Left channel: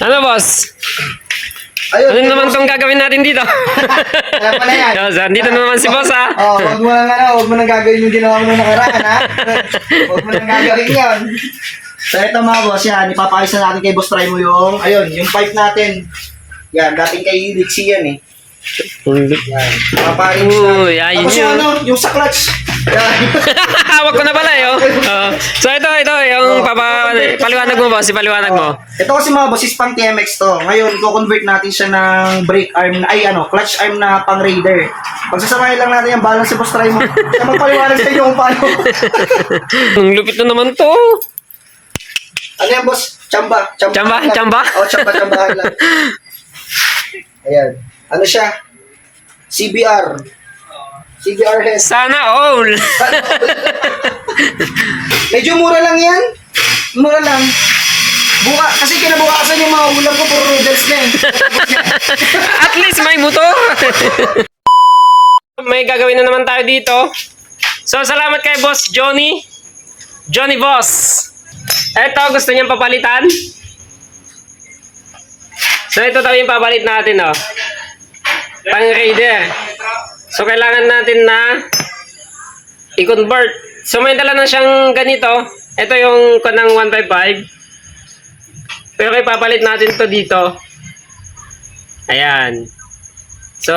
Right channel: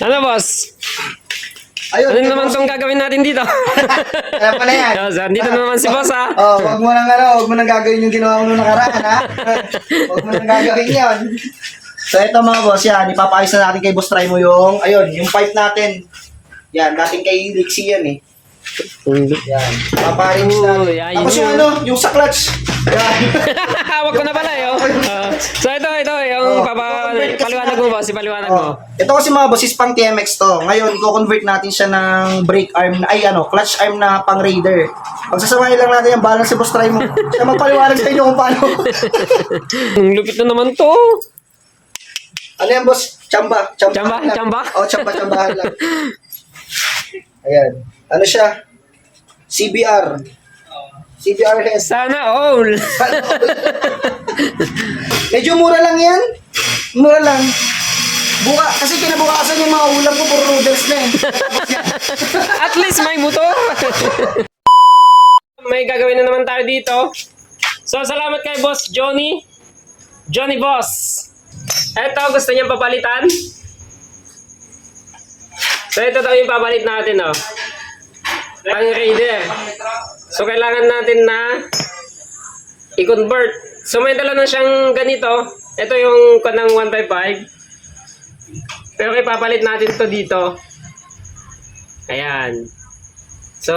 Ano, boss? Ayun, Ano naman tong gagawin natin dito? Alam mo na yan. So, so, andito na naman si boss, ha? Oh, wag mo nang ano, wag mo nang gagawin yung ginawa mo nung nakaraan, ha? Wag mo nang gagawin yan. So, ito mga boss, yan, ipapayos na natin kay Boss Try mo yung, ayun, yung pipe natin. Yan, dating kay Lixie yan eh. Yan, paparin na. Tapos yung yun. ano, yung sa clutch. Hawak ko na pala, eh, oh. Oo. so, ito, ito, yung Oh, papa, paliwanag mo, boss, ipaliwanag mo. Oh, ito kasi mga boss is pang TMX to. Ngayon, i-convert natin siya ng brake arm, na- ay ano, clutch arm na pang Raider. Pagsasamahin lang natin yung balance si Boss Try mo. Siya magpaliwanag sa inyo kung paano. Ang lupit na naman to. ano yan, boss? Chamba. Chamba. Chamba, lang. chamba? Oo, chamba, chambahan lang. Ayan. Ano siya? CBR. CBR has. Sana all. Medyo mura lang yan. Mura lang. Buka, kasi kinabukasan yung mga ulam ko, puro noodles na eh. At least may motor. may gagawin na naman tayo dito. So, salamat kay Boss Johnny. Johnny Boss. Eto, gusto niyang papalitan. So, ito daw yung papalit natin, oh. Pang Raider. So, kailangan natin na i-convert. So, may dala na siyang ganito. Ito yung kanang 155. Pero ipapalit natin to dito. Ayan. So,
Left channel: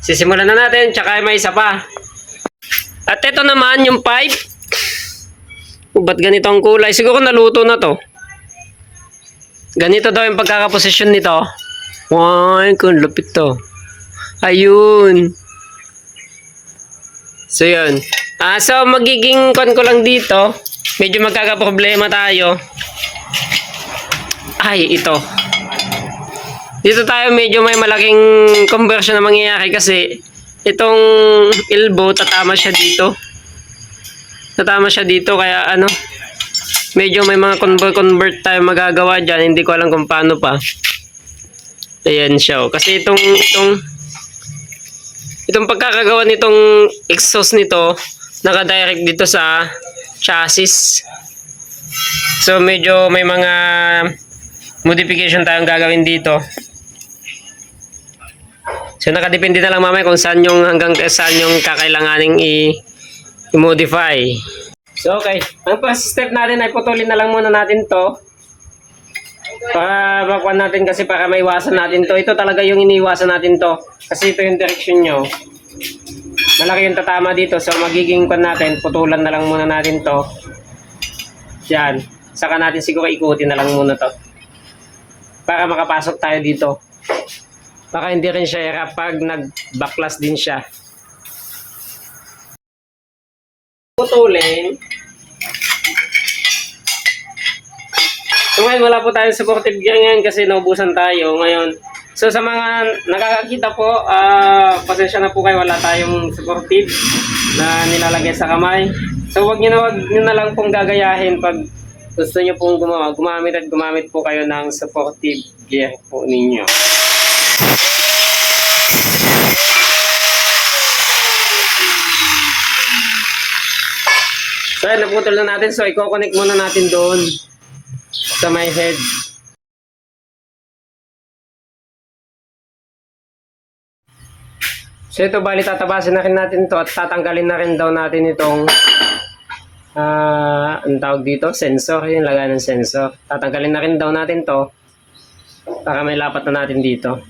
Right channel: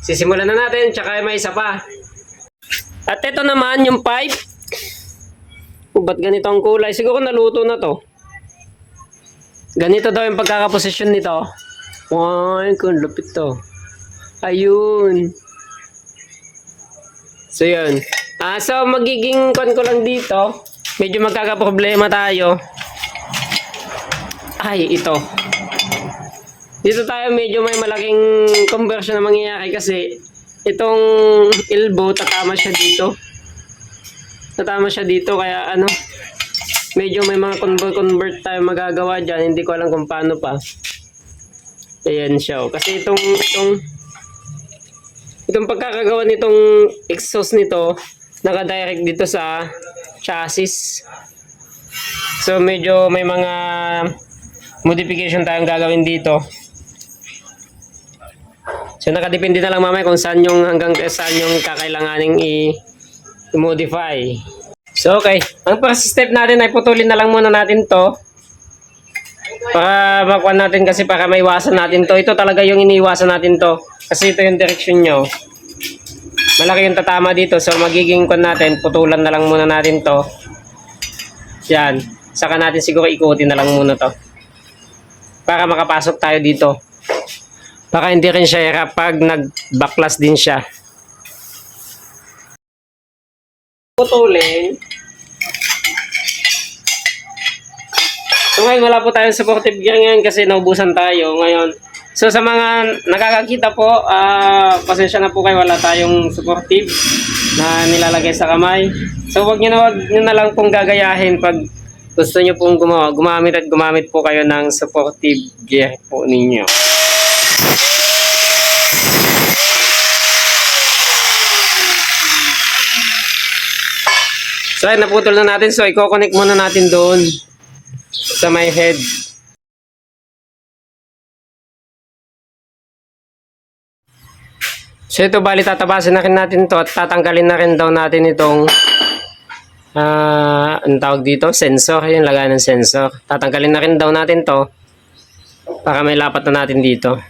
sisimulan na natin, tsaka may isa pa. At ito naman, yung pipe. Oh, ba't ganito ang kulay? Siguro naluto na to. Ganito daw yung pagkakaposisyon nito. Ay, kung lupit to. Ayun. So, yun. Ah, so, magiging kon ko lang dito. Medyo magkakaproblema tayo. Ay, ito. Dito tayo medyo may malaking conversion na mangyayari kasi itong elbow tatama siya dito. Tatama siya dito kaya ano medyo may mga convert convert tayo magagawa diyan hindi ko alam kung paano pa. Ayan siya. oh. Kasi itong itong itong pagkakagawa nitong exhaust nito naka-direct dito sa chassis. So medyo may mga modification tayong gagawin dito. So nakadepende na lang mamaya kung saan yung hanggang saan yung kakailanganing i-modify. So okay, ang first step natin ay putulin na lang muna natin to. Para makuha natin kasi para maiwasan natin to. Ito talaga yung iniwasan natin to. Kasi ito yung direction nyo. Malaki yung tatama dito. So magiging kwan natin, putulan na lang muna natin to. Yan. Saka natin siguro ikutin na lang muna to. Para makapasok tayo dito. Baka hindi rin siya hirap pag nag-backlash din siya. Putulin. So ngayon wala po tayong supportive gear ngayon kasi naubusan tayo ngayon. So sa mga nakakakita po, ah pasensya na po kayo wala tayong supportive na nilalagay sa kamay. So wag niyo na wag niyo na lang pong gagayahin pag gusto niyo pong gumawa, gumamit at gumamit po kayo ng supportive gear po ninyo. So ayun, naputol na natin. So i-connect muna natin doon sa my head. So ito bali tatabasin na rin natin to at tatanggalin na rin daw natin itong ah ang tawag dito, sensor, yung lagayan ng sensor. Tatanggalin na rin daw natin to para may lapat na natin dito.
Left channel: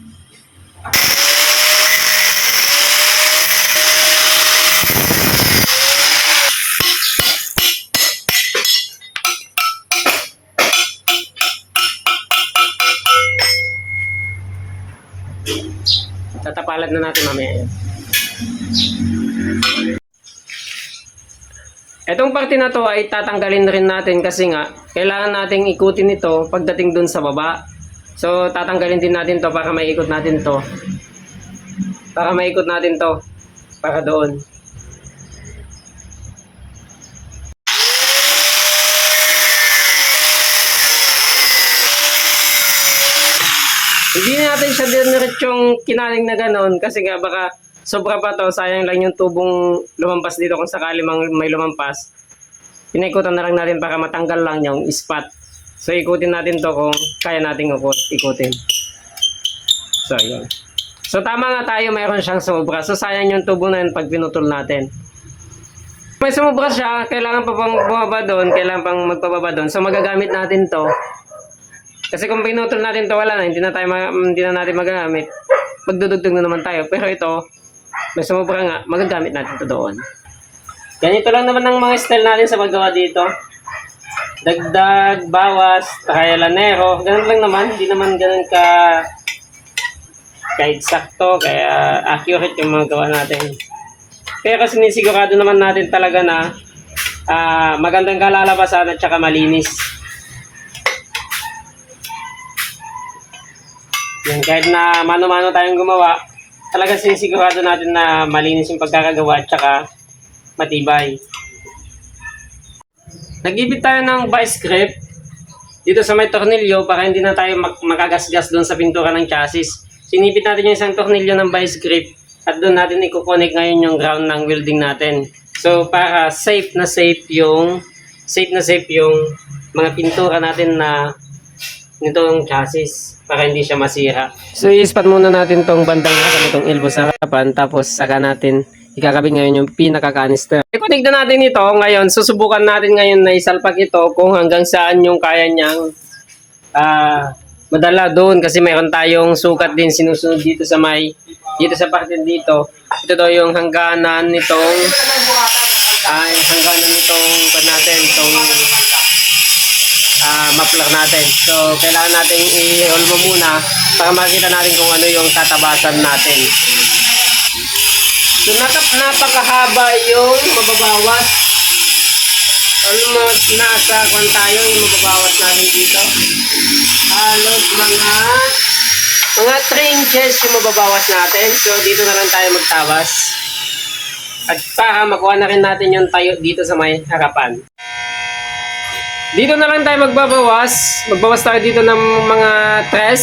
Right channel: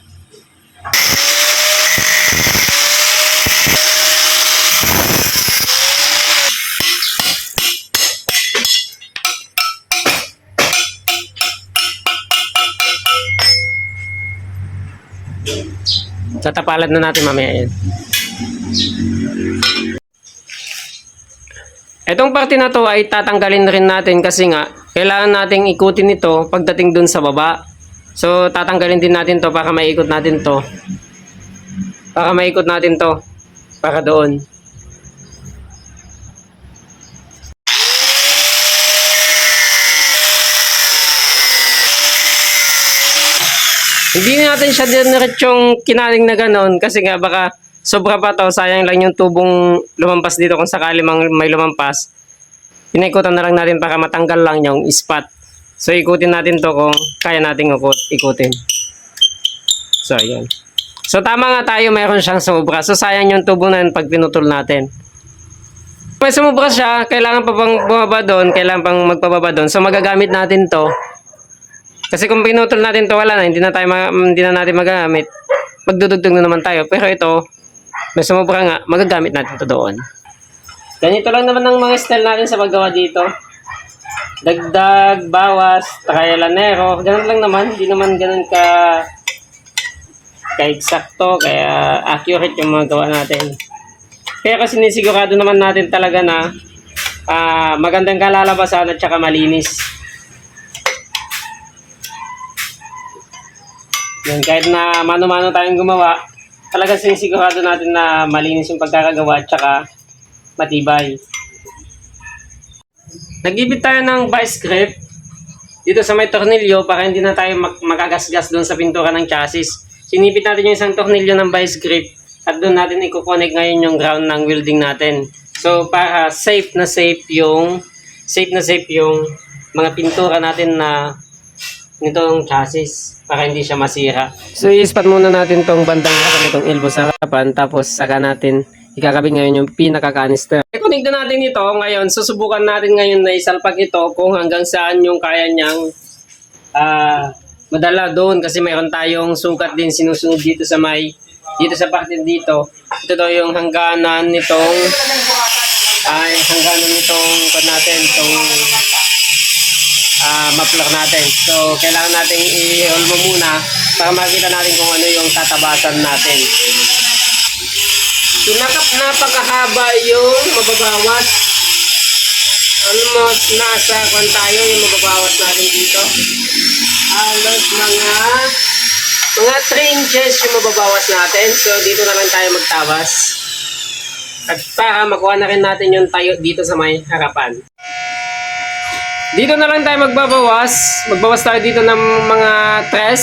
Tatapalan na natin mamaya yan. Itong parte na to ay tatanggalin rin natin kasi nga kailangan nating ikutin ito pagdating dun sa baba. So tatanggalin din natin to para maikot natin to. Para maikot natin to para doon. Hindi siya diretsong kinaling na ganon kasi nga baka sobra pa to, sayang lang yung tubong lumampas dito kung sakali mang may lumampas. Pinaikutan na lang natin para matanggal lang yung spot. So ikutin natin to kung kaya nating ikutin. So ayun. So tama nga tayo, mayroon siyang sumubra. So sayang yung tubo na yun pag pinutol natin. May sumubra siya, kailangan pa pang bumaba doon, kailangan pang magpababa doon. So magagamit natin to. Kasi kung pinutol natin to, wala na, hindi na tayo ma- hindi na natin magagamit. Magdudugtog na naman tayo. Pero ito, may sumubra nga, magagamit natin to doon. Ganito lang naman ang mga style natin sa paggawa dito. Dagdag, bawas, trialanero, ganun lang naman. Hindi naman ganun ka ka-eksakto, kaya accurate yung mga gawa natin. Kasi sinisigurado naman natin talaga na ah, magandang kalalabasan at saka malinis. Yan, kahit na mano-mano tayong gumawa, talaga sinisigurado natin na malinis yung pagkakagawa at saka matibay. Nagibit tayo ng vice grip dito sa may tornilyo para hindi na tayo mak- makagasgas doon sa pintura ng chassis. Sinipit natin yung isang tornilyo ng vice grip at doon natin i-connect ngayon yung ground ng welding natin. So para safe na safe yung safe na safe yung mga pintura natin na nitong chassis para hindi siya masira. So i-spot muna natin tong bandang harapan itong elbow sa harapan tapos saka natin ikakabit ngayon yung pinaka-canister. I-connect na natin ito ngayon. Susubukan natin ngayon na isalpak ito kung hanggang saan yung kaya niyang ah madala doon kasi mayroon tayong sukat din sinusunod dito sa may dito sa parte dito. Ito daw yung hangganan nitong ay hangganan nitong pa natin itong ah maplar natin. So kailangan natin i-holmo muna para makita natin kung ano yung tatabasan natin. So nakap napakahaba yung mababawas. Almost nasa kwan tayo yung mababawas natin dito. Halos mga mga 3 inches yung mababawas natin. So dito na lang tayo magtawas. At para makuha na rin natin yung tayo dito sa may harapan. Dito na lang tayo magbabawas. Magbawas tayo dito ng mga tres.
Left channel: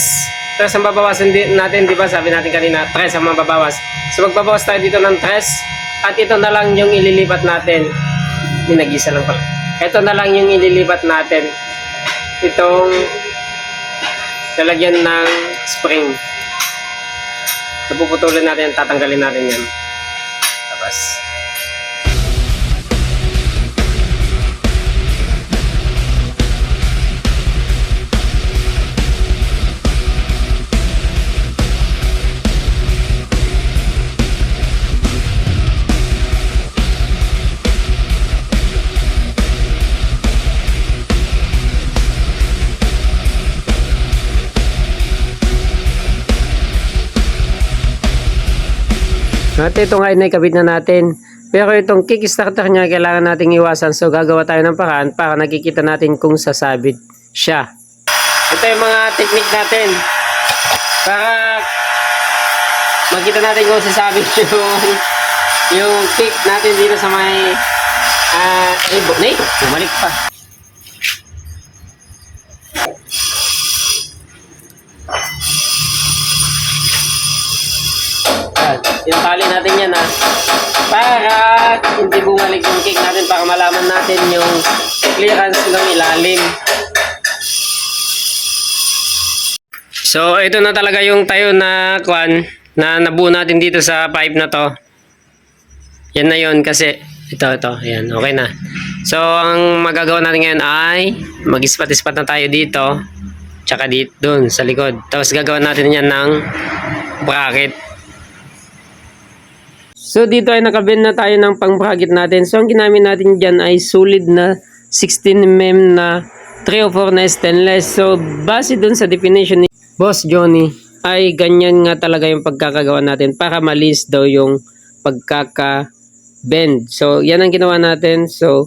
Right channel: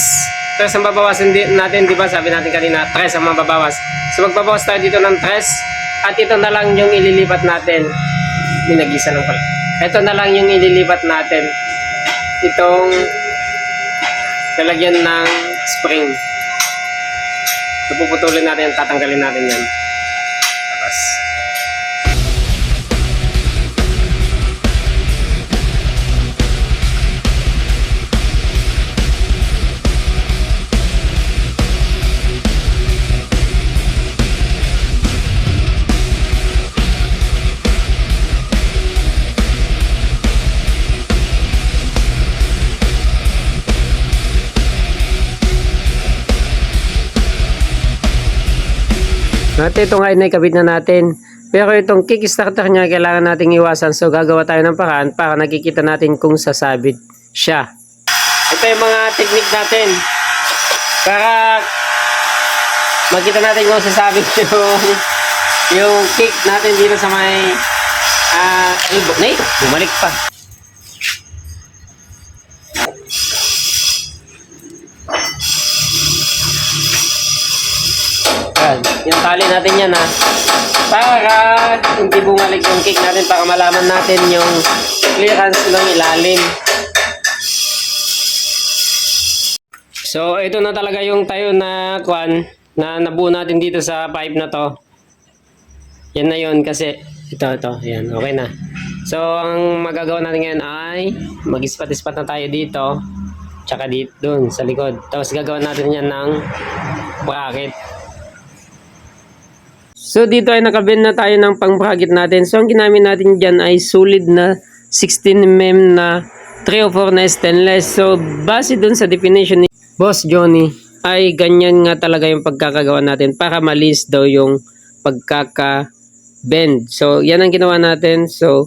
Tres ang babawasan natin, di ba? Sabi natin kanina, tres ang mababawas. So magbabawas tayo dito ng tres. At ito na lang yung ililipat natin. Minagisa lang pala. Ito na lang yung ililipat natin. Itong lalagyan ng spring. Napuputulin natin, tatanggalin natin yan. Tapos. At ito nga ay naikabit na natin. Pero itong kickstarter niya kailangan nating iwasan. So gagawa tayo ng paraan para nakikita natin kung sasabit siya. Ito yung mga technique natin. Para makita natin kung sasabit yung yung kick natin dito sa may uh, Nay, bumalik pa. Tali natin yan ha. Para hindi bumalik yung cake natin para malaman natin yung clearance ng ilalim. So, ito na talaga yung tayo na kwan na nabuo natin dito sa pipe na to. Yan na yon kasi ito, ito. Yan, okay na. So, ang magagawa natin ngayon ay mag-ispat-ispat na tayo dito. Tsaka dito, dun, sa likod. Tapos gagawa natin yan ng bracket. So dito ay nakabend na tayo ng pang-bracket natin. So ang ginamit natin dyan ay solid na 16mm na 3 o 4 na stainless. So base dun sa definition ni Boss Johnny ay ganyan nga talaga yung pagkakagawa natin para malis daw yung pagkaka-bend. So yan ang ginawa natin. So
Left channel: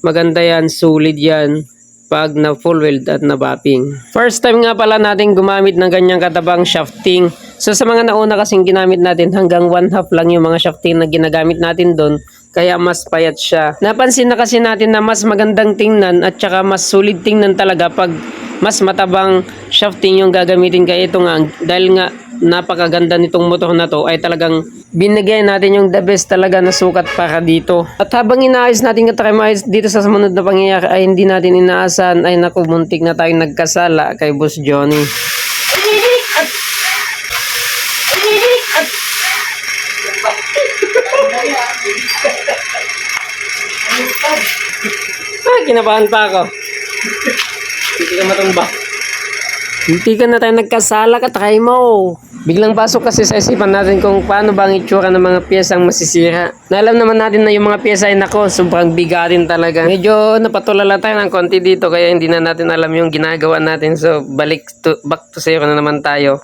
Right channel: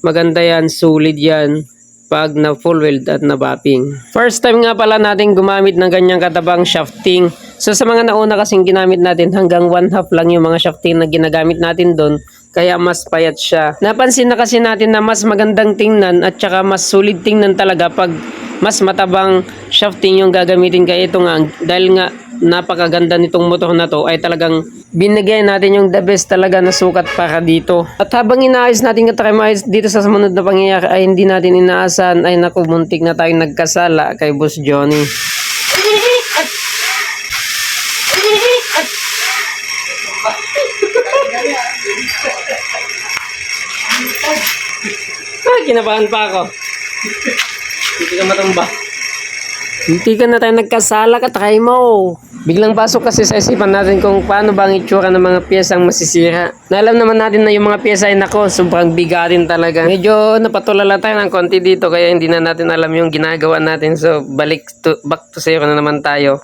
maganda yan, solid yan pag na full weld at na bapping. First time nga pala natin gumamit ng ganyang katabang shafting. So sa mga nauna kasing ginamit natin hanggang one half lang yung mga shafting na ginagamit natin doon kaya mas payat siya. Napansin na kasi natin na mas magandang tingnan at saka mas solid tingnan talaga pag mas matabang shafting yung gagamitin kaya ito nga dahil nga napakaganda nitong motor na to ay talagang binigay natin yung the best talaga na sukat para dito. At habang inaayos natin katremahis dito sa sumunod na pangyayari ay hindi natin inaasahan ay naku muntik na tayong nagkasala kay Boss Johnny. Ay, kinabahan pa ako. Hindi ka matumba. Hindi ka na tayo nagkasala ka, try mo. Biglang pasok kasi sa isipan natin kung paano ba ang itsura ng mga piyesang masisira. Na naman natin na yung mga piyesa ay nako, sobrang bigatin talaga. Medyo napatulala tayo ng konti dito kaya hindi na natin alam yung ginagawa natin. So balik to, back to zero na naman tayo.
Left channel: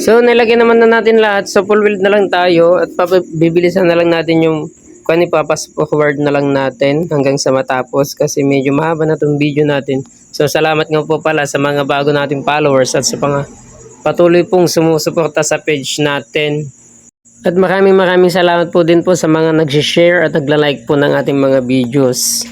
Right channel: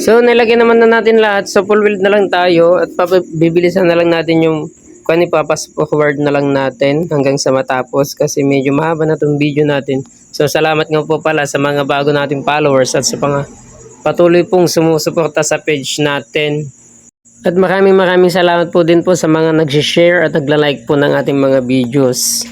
So, nilagyan naman na natin lahat. So, full wheel na lang tayo at pap- bibilisan na lang natin yung kung ipapas forward na lang natin hanggang sa matapos kasi medyo mahaba na itong video natin. So, salamat nga po pala sa mga bago nating followers at sa mga patuloy pong sumusuporta sa page natin. At maraming maraming salamat po din po sa mga nag-share at nagla-like po ng ating mga videos.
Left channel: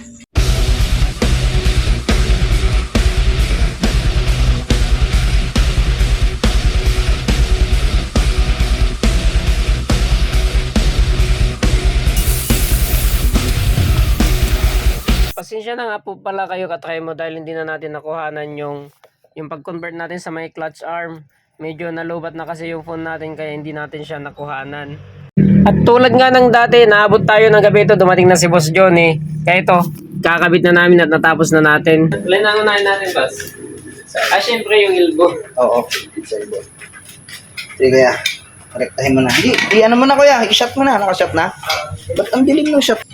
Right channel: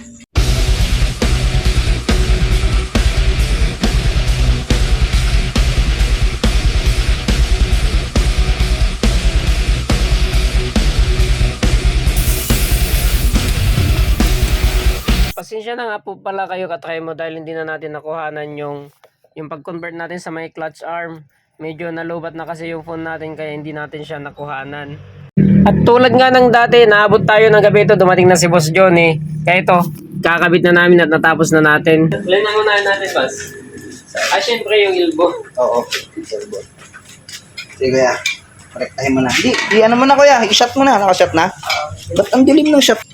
Pasensya na nga po pala kayo katry mo dahil hindi na natin nakuhanan yung yung pag-convert natin sa may clutch arm. Medyo nalubat na kasi yung phone natin kaya hindi natin siya nakuhanan. At tulad nga ng dati, naabot tayo ng gabi ito, dumating na si Boss Johnny. Kaya ito, kakabit na namin at natapos na natin. Alin na natin, Boss? Ah, syempre yung elbow. Oo. Sorry, boy. Sige, kuya. Korektahin mo na. Hindi, di ano mo na, kuya. I-shot mo na. Naka-shot na. Ba't ang dilim ng shot?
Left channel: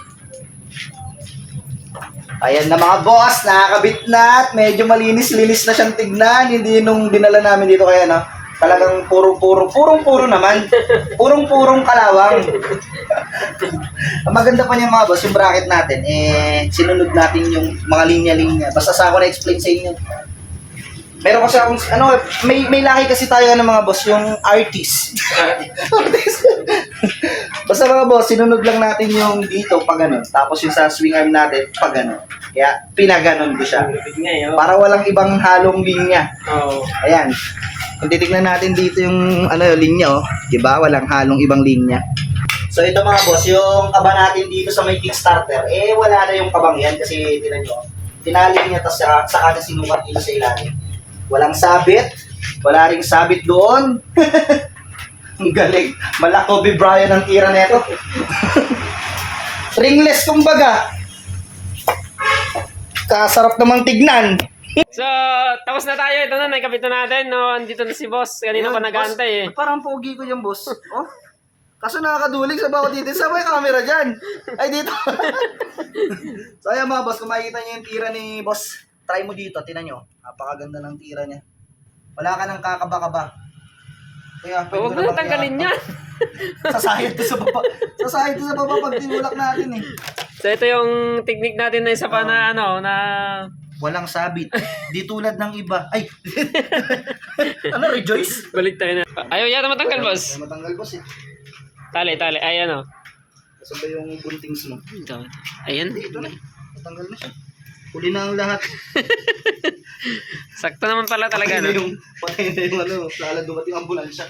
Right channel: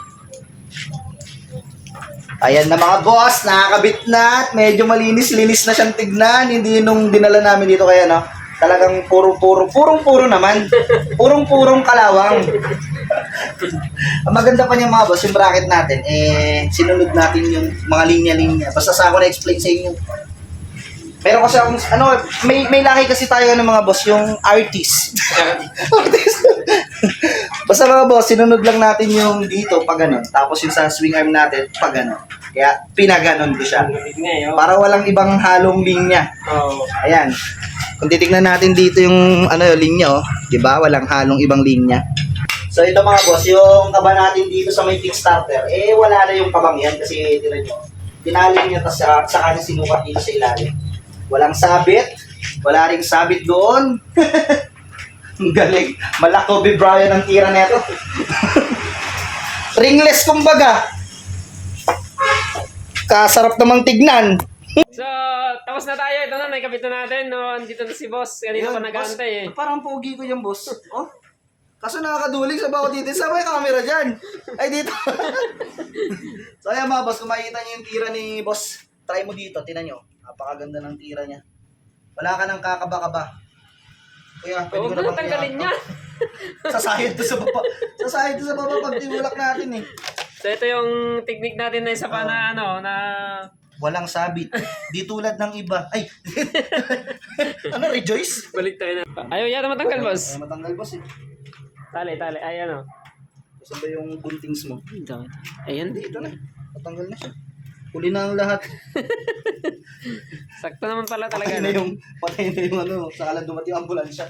Ayan na mga boss, nakakabit na at medyo malinis-linis na siyang tignan. Hindi nung dinala namin dito kaya no. Talagang purong-puro, purong-puro naman. Purong-purong kalawang. Ang maganda pa niya mga boss, yung bracket natin, eh, sinunod natin yung mga linya-linya. Basta sa ako na-explain sa inyo. Meron kasi akong, ano, may, may laki kasi tayo ng mga boss, yung artist. artist. Basta mga boss, sinunod lang natin yung dito, pag ganun. Tapos yung sa swing arm natin, pag ganun. Kaya, pinaganon ko siya. Para walang ibang halong linya. Oo. Ayan. Kung titignan natin dito yung ano yung linya oh, 'di ba? Walang halong ibang linya. So ito mga boss, yung kaba natin dito sa may Kickstarter, eh wala na yung kabang yan kasi tinan nyo, tinali niya tas sa, sa kanya sinukat dito sa ilalim. Walang sabit, wala ring sabit doon. Ang galing. Malak Kobe Bryant ang tira neto. Ringless kumbaga. Kasarap namang tignan. So, tapos na tayo. Ito na, may kapit na natin. No? Andito na si boss. Kanina pa nag-aantay eh. Parang pogi ko yung boss. Oh. Kaso nakakaduling sa bawat dito. Sa may camera dyan. Ay, dito. so, ayan mga boss, kung makikita niyo yung tira ni boss, try mo dito. Tinan nyo. Napakaganda ng tira niya. Wala ka ng kakaba-kaba. Kuya, pwede ko na tanggalin niya. Sasayad to sa baba. Sasayad to sa baba pag tinulak natin eh. So, ito yung technique natin na isa pa na ano, na... Walang sabit. Di tulad ng iba. Ay! ano, rejoice? Balik tayo na. Ayaw yata matanggal, boss. Ay, matanggal boss eh. Tali, tali. Ay, ano. Kasi ba yung buntings mo? Ayan. Hindi, ito na. Matanggal na siya. Huli na ang lahat. Sakto naman pala talaga, Patay na no? yung, patay na yung ano, saka lang dumating ang ambulansya.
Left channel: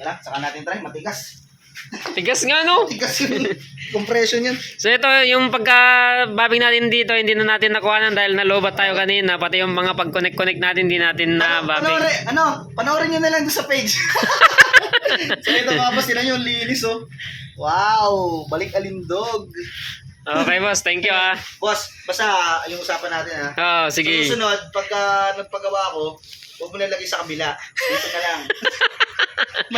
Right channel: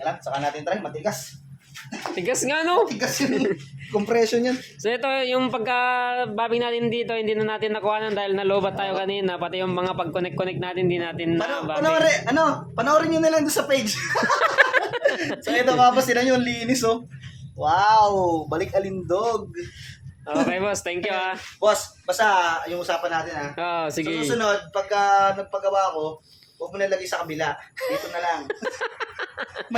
Yan saka natin try, matigas. Tigas nga, no? Matigas yung compression yan. So, ito yung pagka-babing natin dito, hindi na natin nakuha dahil nalobat tayo kanina. Pati yung mga pag-connect-connect natin, hindi natin na babing. Panoorin, ano, panoorin nyo na lang doon sa page. so ito boss, sila yung linis oh. Wow, balik alindog. Okay, boss. Thank you, ah. Boss, basta yung usapan natin ha. Oo, Sa sige. susunod, pagka nagpagawa ko, huwag mo nalagay sa kabila. Dito na lang.